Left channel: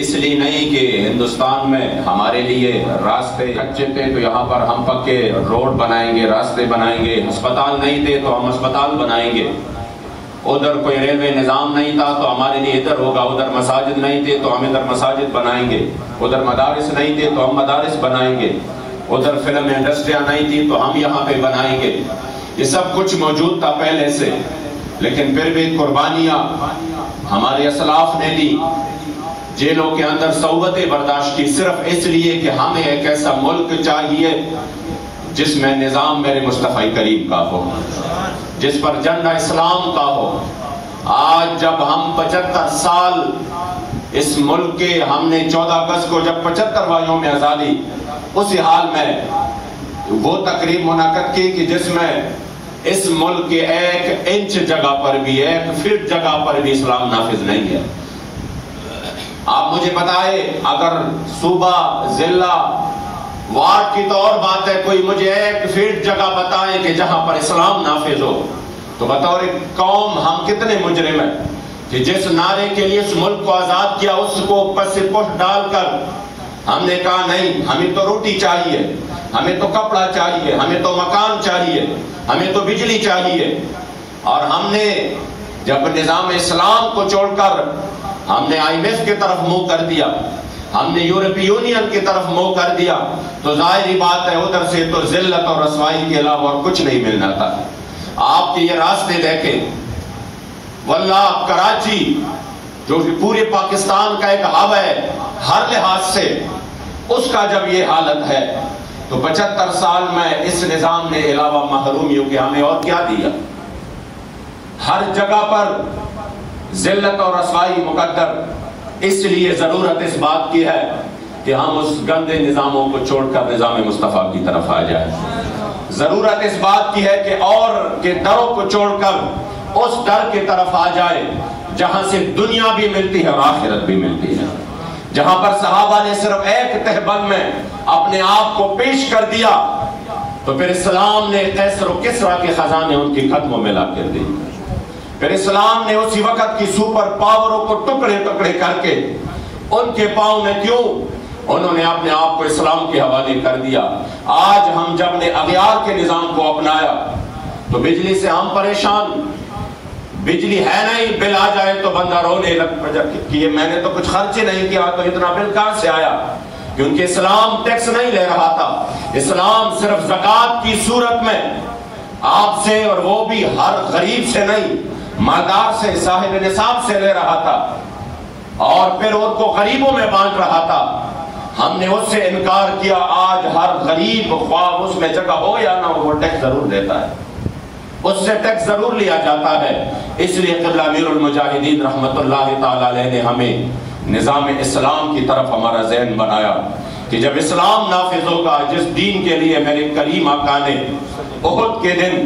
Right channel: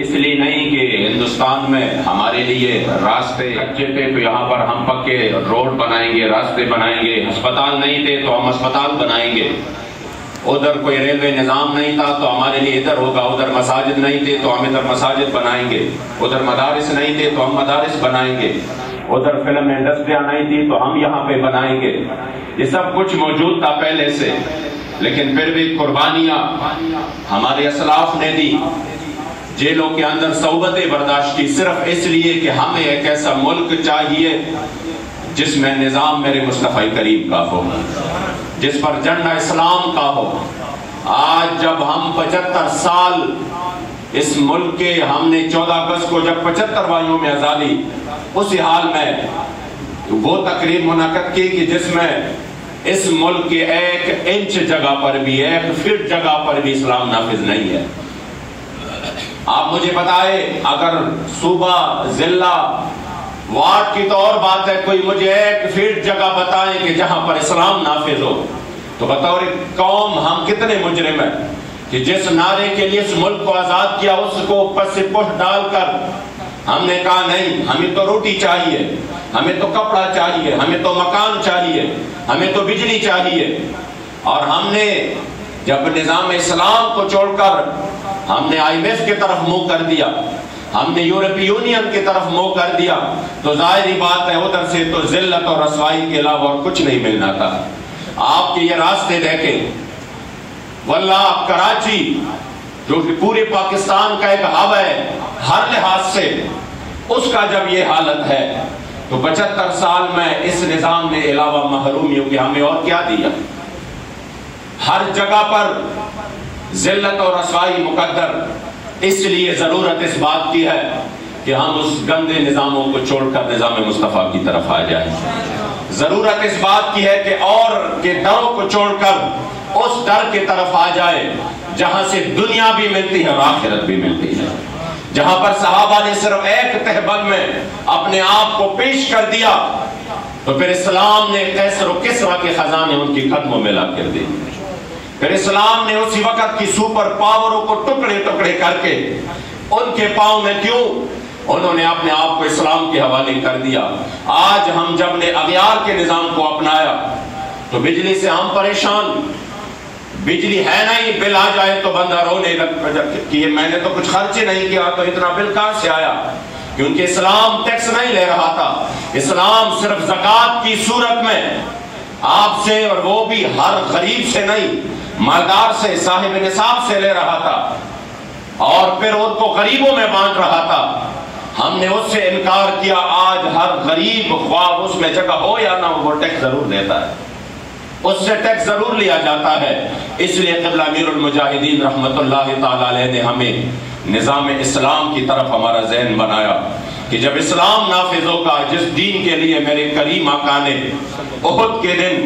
اس لیے نہیں کہ ہندوستان میں ہمارے لیے راستے اچھے تھے تو یہاں پر ہم پکے روڈ بنائیں گے، راستے بنائیں گے، ہسپتال نہیں تھے تو ہم ہسپتال بنائیں گے، ادھر کوئی ریلوے نظام نہیں تھا تو ہمارے لیے ادھر ہوگا، ادھر مساجد نہیں تھے تو ہم ادھر مساجد بنائیں گے، ادھر مدارس نہیں تھے تو ہم مدارس بنائیں گے، ادھر فلم انڈسٹریاں نہیں تھی تو ہم یہاں پہ بنائیں گے۔ یہ سب کچھ موجود تھا پہلے سے، لیکن پھر بھی قربانیاں ہمارے اسلاف نے دی، جیلوں کے اندر صحبتیں برداشت کی، صرف اس لیے کہ ہمیں ایک ایسا ملک چاہیے جس میں نظام میرے مصطفی کریم کا ہو، جس پر جھنڈا اسلام کا ہو۔ آج جب ہم 75 سال اس ملک کے، ہم نے 14 اگست کو جب 75واں یوم آزادی، اسی حال میں وہ تقریب منعقد کی کہ جس میں اس ملک کے 1 انچ جگہ پر بھی، 1 فٹ جگہ پر بھی اسلام نافذ نہیں ہے۔ آپ مجھے بتائیں، اگر صوبہ، ضلع، وارڈ کی تو اور بات ہے، کوئی مجھے 1 فٹ جگہ بتائیں کہ جہاں پر اسلام نافذ ہو، تو بطور قوم ہم کتنے مجرم ہیں کہ جس نعرے کے لیے اس ملک کو آزاد کیا اس کو پس پش ڈال کر ہم نے کہا نہیں، ہمیں تو روٹی چاہیے، ہمیں تو کپڑا چاہیے، ہمیں تو مکان چاہیے، ہمیں تو بجلی چاہیے۔ اور ہم نے جب نظام اسلام کو چھوڑ کر ہم نے IMF کی طرف منہ کر دیا، ہم نے یورپی یونین کی طرف منہ کر دیا، تو ظاہری بات ہے ادھر سے تو ذلت اور رسوائی کے علاوہ اور کچھ نہیں ملنا تھا۔ آپ یہ راستے دیکھیں، واللہ کراچی جو کہ پورے پاکستان کا ایک ہب ہے ہر لحاظ سے، اس کا جب یہ حالت ہے تو 75 سال میں اس نظام نے علاوہ محرومیوں کے ہمیں اور کیا دیا؟ ہر جگہ پر ذلت اور رسوائی مقدر۔ اس لیے ضرورت اس بات کی ہے کہ ہم اس گندے نظاموں کو چھوڑ کر نظام مصطفیٰ کی طرف آ جائیں۔ ضرورت اس بات کی ہے کہ اور کے دروں کو چھوڑ کر اس در کی طرف آ جائے جہاں سے دنیا بھی ملتی ہے اور آخرت بھی ملتی ہے، جہاں پر صحابہ نے صرف ایک تہبند میں اپنے آپ کو پیش کر دیا تو پھر اسلام نے قیصر و کسریٰ کے خزانے ان کی قدموں میں لا کر دی، پھر اسلام نے اسی وقت کی سپر پاوروں کو ٹکڑے ٹکڑے کر کے ان کے پاؤں میں کیوں انہوں نے اپنے آپ کو اسلام کے حوالے کر دیا۔ آج ہم جب نے اغیار کے نظام کو اپنایا تو بجلی سے ہم پریشان، بجلی ہے نہیں، بل آ جائے تو بندہ رونے لگتا کہ میں نے تو کچھ خرچ نہیں کیا تو اتنا بل کہاں سے آیا؟ کیونکہ اسلام ٹیکس نہیں لے رہا تھا، اسلام صرف زکوٰۃ کی صورت میں آپ سے، اور وہ بھی ہر غریب سے نہیں، مالدار سے، صاحب نصاب سے لے رہا تھا اور پھر ان کو غریبوں میں بانٹ رہا تھا۔ ہم نے اس سے انکار کیا، آج ہر غریب خواہ اس میں جگہ ہو یا نہ ہو وہ ٹیکس ضرور دیتا ہے، اس سے ٹیکس ضرور لیا جاتا ہے۔ اس لیے قبلہ امیر المجاہدین رحمت اللہ تعالی علیہ نے ہمیں نظام اسلام کی طرف ہمارا ذہن بنایا کہ جب اسلام نافذ ہوگا، جس دین کے لیے میرے کریم آقا نے احد کے دن،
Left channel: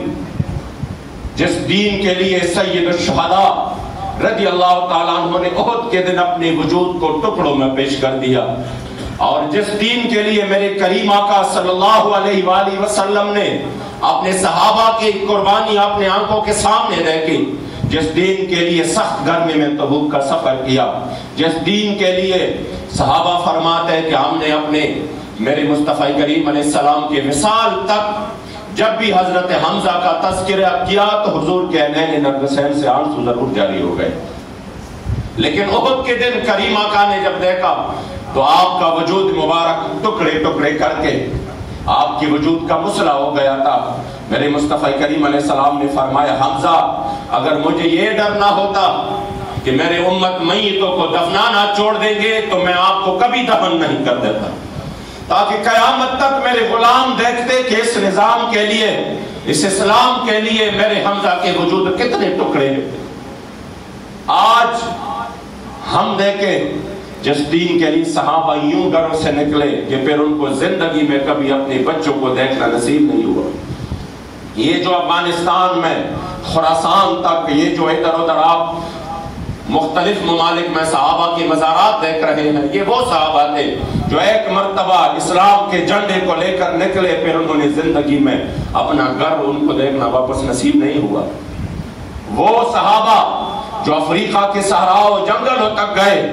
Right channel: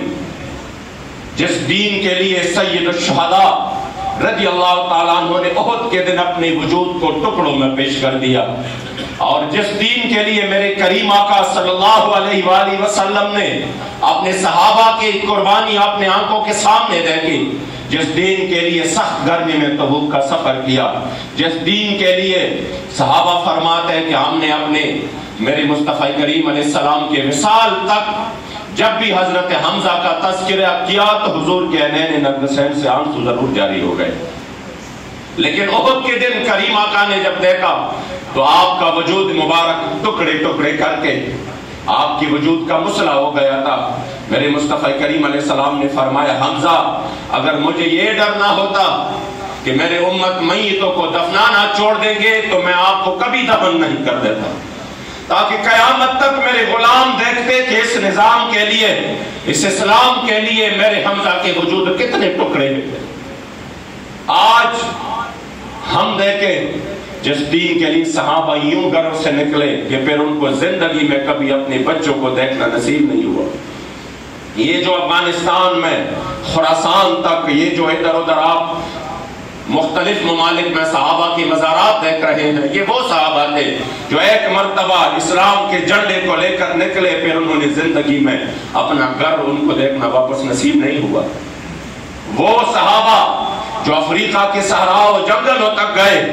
جس دین کے لیے سید الشہداء رضی اللہ تعالیٰ عنہ نے احد کے دن اپنے وجود کو ٹکڑوں میں پیش کر دیا، اور جس دین کے لیے میرے کریم آقا صلی اللہ علیہ وآلہ وسلم نے اپنے صحابہ کی قربانی اپنے آنکھوں کے سامنے دیکھی، جس دین کے لیے سخت گرمی میں تبوک کا سفر کیا، جس دین کے لیے صحابہ فرماتے ہیں کہ ہم نے اپنے میرے مصطفی کریم علیہ السلام کے وصال تک جب بھی حضرت حمزہ کا تذکرہ کیا تو حضور کے عینین نرگسین سے آنسو ضرور جاری ہو گئے، لیکن احد کے دن کریم آقا نے جب دیکھا تو آپ کا وجود مبارک ٹکڑے ٹکڑے کر کے آپ کی وجود کا مسئلہ ہو گیا تھا۔ میرے مصطفی کریم علیہ السلام نے فرمایا، حمزہ اگر مجھے یہ ڈر نہ ہوتا کہ میرے امت میتوں کو دفنانا چھوڑ دیں گے تو میں آپ کو کبھی دفن نہیں کر دیتا، تاکہ قیامت تک میرے غلام دیکھتے کہ اس نظام کے لیے، اس اسلام کے لیے میرے حمزہ کے وجود کتنے ٹکڑے ہیں۔ آج ہم دیکھیں جس دین کے لیے صحابہ یوں گھروں سے نکلے کہ پھر ان کو زندگی میں کبھی اپنے بچوں کو دیکھنا نصیب نہیں ہوا۔ یہ جو افغانستان میں خراسان تک، یہ جو ادھر ادھر آپ مختلف ممالک میں صحابہ کی مزارات دیکھ رہے ہیں، یہ وہ صحابہ تھے جو ایک مرتبہ اسلام کے جھنڈے کو لے کر نکلے، پھر انہوں نے زندگی میں اپنا گھر ان کو دیکھنا واپس نصیب نہیں ہوا۔ وہ صحابہ جو افریقہ کے صحراء و جنگلوں تک گئے،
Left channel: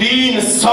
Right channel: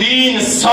300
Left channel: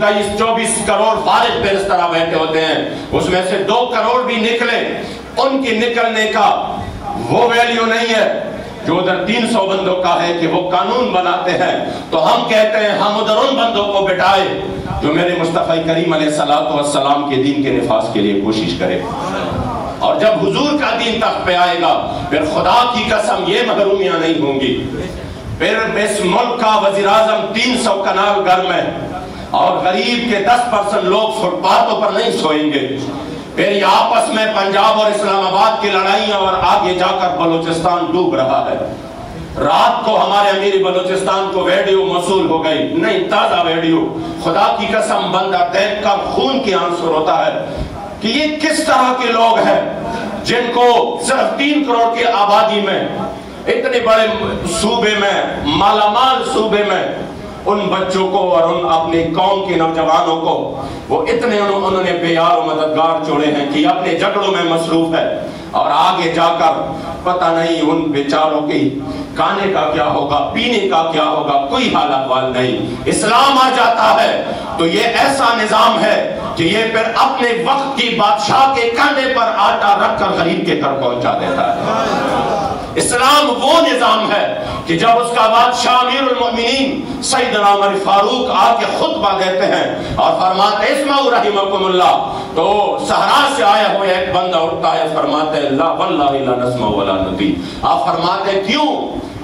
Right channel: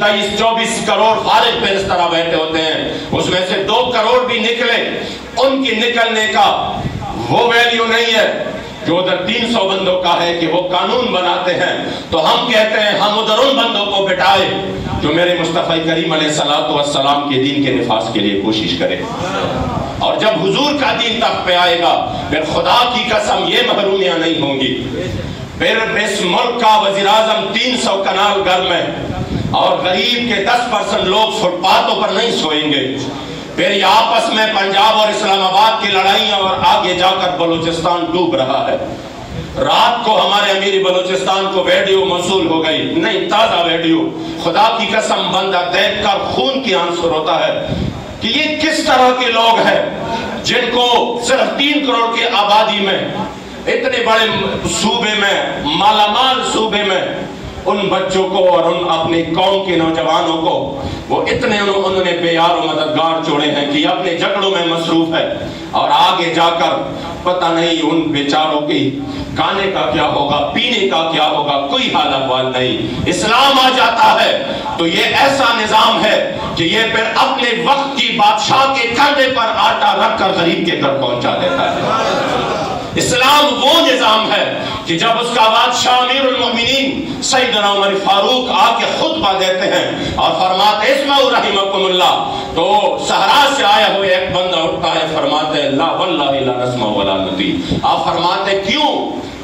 23-24 کروڑ فارغ پہ اس طرح بیٹھے ہوتے ہیں، اس میں سے 2 کروڑ بھی نکلے، ان کی نکلنے کا وہ ویلیو نہیں ہے جو ادھر 300 بندوں کا ہے کہ وہ قانون بناتے ہیں۔ تو ہم کہتے ہیں ہم ادھر ان بندوں کو بٹھائے جو میرے مصطفی کریم علیہ السلام کے دین کے نفاذ کے لیے کوشش کرے، اور جب حضور کا دین تخت پہ آئے گا پھر خدا کی قسم یہ محرومیاں نہیں ہوں گی، پھر اس ملک کا وزیر اعظم 300 کنال گھر میں اور غریب کے 10% لوگ فٹ پاتھوں پر نہیں سوئیں گے، پھر یہ آپس میں پنجاب اور اسلام آباد کی لڑائیاں، اور آگے جا کر بلوچستان ڈوب رہا ہے۔ رات کو ہمارے امیر بلوچستان کو ویڈیو موصول ہو گئی، نہیں تازہ ویڈیو، خدا کی قسم بندہ دیکھ کر خون کی آنسر ہوتا ہے کہ یہ کس طرح کے لوگ ہیں جن کو صرف 3 کروڑ کی آبادی میں، اتنے بڑے صوبے میں، مالا مال صوبے میں، ان بچوں کو اور ان اپنے قوم کے نوجوانوں کو وہ اتنے انہوں نے بے یار و مددگار چھوڑے ہیں کہ اپنے جھگڑوں میں مصروف ہے، اور آگے جا کر پتہ نہیں ان بیچاروں کی کھانے کا کیا ہوگا، پینے کا کیا ہوگا، کوئی حال احوال نہیں۔ اسلام آ جاتا ہے تو یہ ایسا نظام ہے کہ یہ پھر اپنے وقت کی بادشاہ کے کندھے پر آٹا رکھ کر غریب کے گھر پہنچا دیتا ہے۔ اسلام وہ نظام ہے کہ جب اس کا بادشاہ امیر المؤمنین سیدنا عمر فاروق آ کے خطبہ دیتے ہیں اور فرماتے اسمعوا رحمکم اللہ، تو صحرا سے آیا ہوا ایک بندہ اٹھتا ہے، فرماتے لا واللہ لا نسمع ولا نطیع۔ آپ فرماتے کیوں؟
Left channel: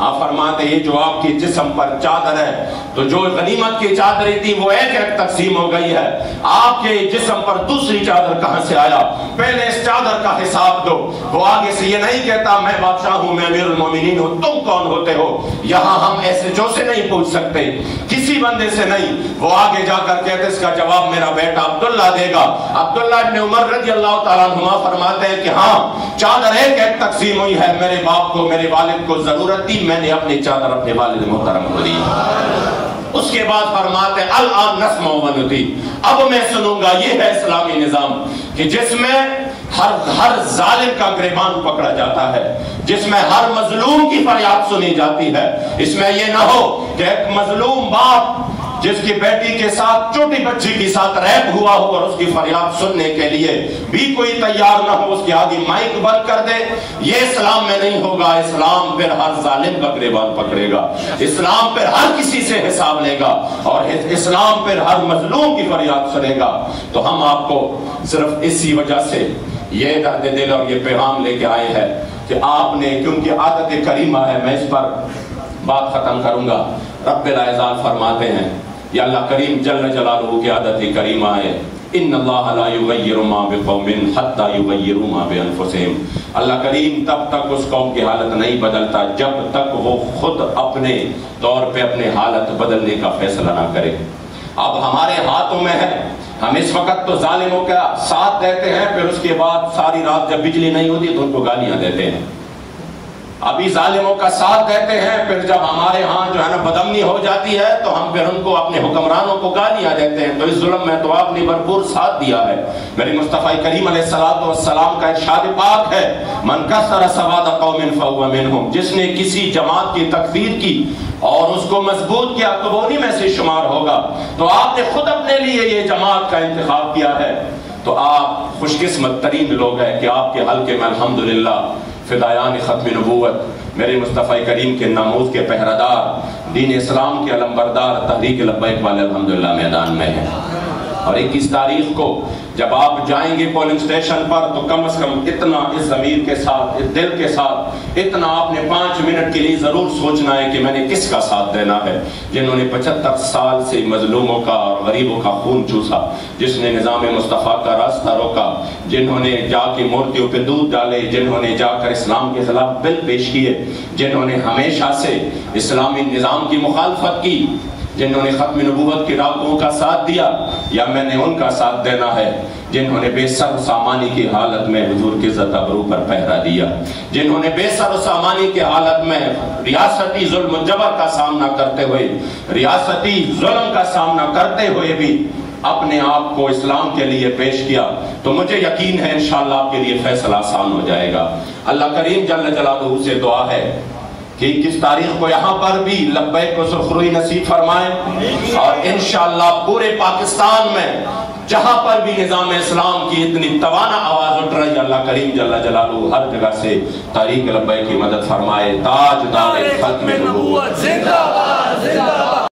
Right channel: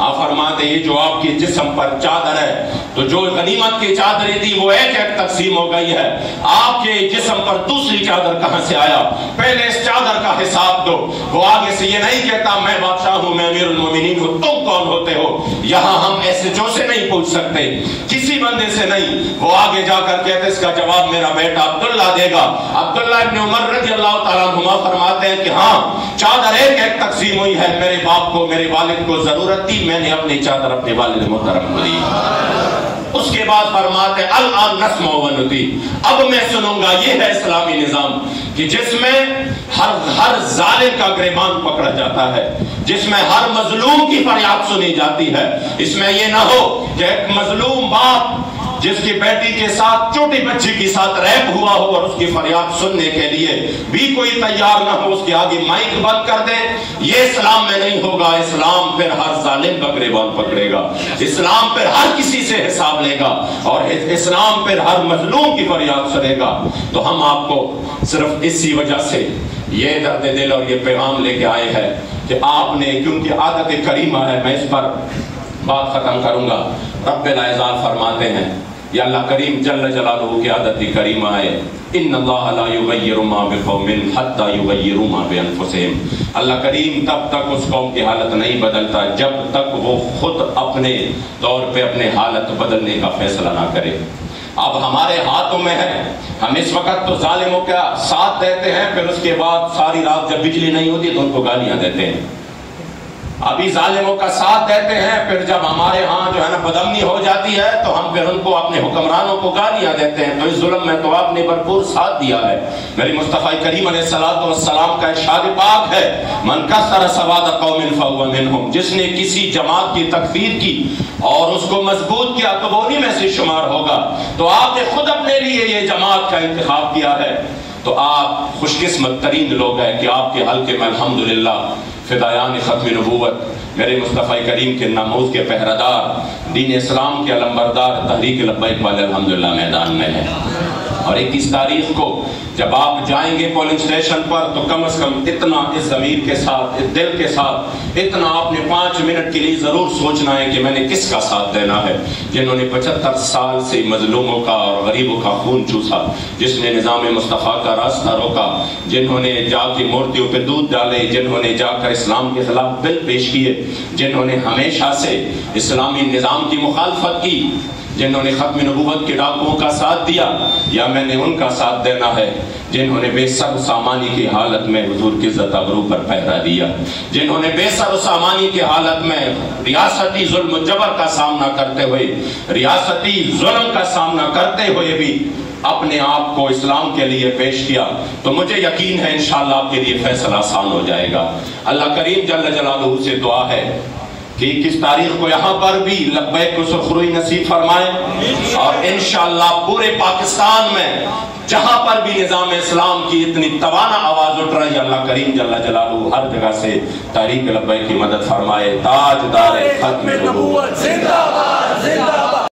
آپ فرماتے یہ جو آپ کے جسم پر چادر ہے، تو جو غنیمت کی چادریں تھی وہ ایک ایک تقسیم ہو گئی ہے، آپ کے جسم پر دوسری چادر کہاں سے آیا؟ پہلے اس چادر کا حساب دو۔ وہ آگے سے یہ نہیں کہتا میں بادشاہ ہوں، میں امیر المومنین ہوں، تم کون ہوتے ہو؟ یہاں ہم ایسے جو سے نہیں پوچھ سکتے، کسی بندے سے نہیں۔ وہ آگے جا کر کہتے اس کا جواب میرا بیٹا عبداللہ دے گا۔ عبداللہ ابن عمر رضی اللہ تعالیٰ عنہ فرماتے ہیں کہ ہاں چادر ایک ایک تقسیم ہوئی ہے، میرے باپ کو، میرے والد کو ضرورت تھی، میں نے اپنی چادر اپنے والد محترم کو دی۔ اس کے بعد فرماتے الان نسمع و نطیع، اب میں سنوں گا۔ یہ ہے اسلامی نظام کہ جس میں ہر ظالم کا گریبان پکڑا جاتا ہے، جس میں ہر مظلوم کی فریاد سنی جاتی ہے۔ اس میں یہ نہ ہو کہ ایک مظلوم باپ جس کی بیٹی کے ساتھ چھوٹی بچی کے ساتھ ریپ ہوا ہو اور اس کی فریاد سننے کے لیے بھی کوئی تیار نہ ہو، اس کے آگے مائک بند کر دے۔ یہ اسلام میں نہیں ہوگا۔ اسلام پھر ہر ظالم کا گریبان پکڑے گا، اسلام پھر ہر کسی سے حساب لے گا، اور اسلام پھر ہر مظلوم کی فریاد سنے گا۔ تو ہم آپ کو صرف اسی وجہ سے یہ درد دل اور یہ پیغام لے کے آئے ہیں کہ آپ نے، کیونکہ عادت کریمہ ہے، میں اس پر بات ختم کروں گا۔ رب العزت فرماتے ہیں، یا اللہ کریم جل جلالہ کی عادت کریمہ ہے، ان اللہ لا یغیر ما بقوم حتی یغیروا ما بانفسہم۔ اللہ کریم تب تک اس قوم کی حالت نہیں بدلتا جب تک وہ خود اپنے طور پہ اپنے حالت بدلنے کا فیصلہ نہ کرے۔ اب ہمارے ہاتھوں میں ہے، ہم اس وقت تو ظالموں کا ساتھ دیتے ہیں، پھر اس کے بعد ساری رات جب بجلی نہیں ہوتی تو ان کو گالیاں دیتے ہیں۔ ابھی ظالموں کا ساتھ دیتے ہیں، پھر جب ہمارے ہاں جو ہے نا بدامنی ہو جاتی ہے تو ہم پھر ان کو، اپنے حکمرانوں کو گالیاں دیتے ہیں۔ تو اس ظلم میں تو آپ نے بھرپور ساتھ دیا ہے۔ میری مصطفی کریم علیہ السلام کا ارشاد پاک ہے، من کثر سواد قوم فهو منهم، جس نے کسی جماعت کی تکفیر کی اور اس کو مضبوط کیا تو وہ انہی میں سے شمار ہوگا۔ تو آپ نے خود اپنے لیے یہ جماعت کا انتخاب کیا ہے، تو آپ خوش قسمت ترین لوگ ہیں کہ آپ کے حلقے میں الحمدللہ فدایان ختم نبوت، میرے مصطفی کریم کے ناموز کے پہرادار، دین اسلام کے علمبردار، تحریک لبیک والے الحمدللہ میدان میں ہیں۔ اور 21 تاریخ کو جب آپ جائیں گے پولنگ سٹیشن پر تو کم از کم اتنا اس ضمیر کے ساتھ، اس دل کے ساتھ، اتنا آپ نے 5 منٹ کے لیے ضرور سوچنا ہے کہ میں نے کس کا ساتھ دینا ہے، جنہوں نے 75 سال سے مظلوموں کا اور غریبوں کا خون چوسا، جس نے نظام مصطفیٰ کا راستہ روکا، جنہوں نے جا کے مورتیوں پہ دودھ ڈالے، جنہوں نے جا کر اسلام کے خلاف بل پیش کیے، جنہوں نے ہمیشہ سے اسلامی نظام کی مخالفت کی، جنہوں نے ختم نبوت کے ڈاکوؤں کا ساتھ دیا، یا میں نے ان کا ساتھ دینا ہے جنہوں نے بے سر و سامانی کی حالت میں حضور کی عزت ابرو پر پہرا دیا، جنہوں نے بے سر و سامانی کی حالت میں ریاستی ظلم و جبر کا سامنا کرتے ہوئے، ریاستی ظلم کا سامنا کرتے ہوئے بھی اپنے آپ کو اسلام کے لیے پیش کیا، تو مجھے یقین ہے انشاءاللہ آپ کے لیے فیصلہ آسان ہو جائے گا۔ اللہ کریم جل جلالہ سے دعا ہے کہ 21 تاریخ کو یہاں پر بھی لبیک کو سرخروئی نصیب فرمائے، اور انشاءاللہ پورے پاکستان میں جہاں پر بھی نظام اسلام کی اتنی توانا آواز اٹھ رہی ہے، اللہ کریم جل جلالہ ہر جگہ سے تحریک لبیک کی مدد فرمائے۔ تاجدار ختم نبوت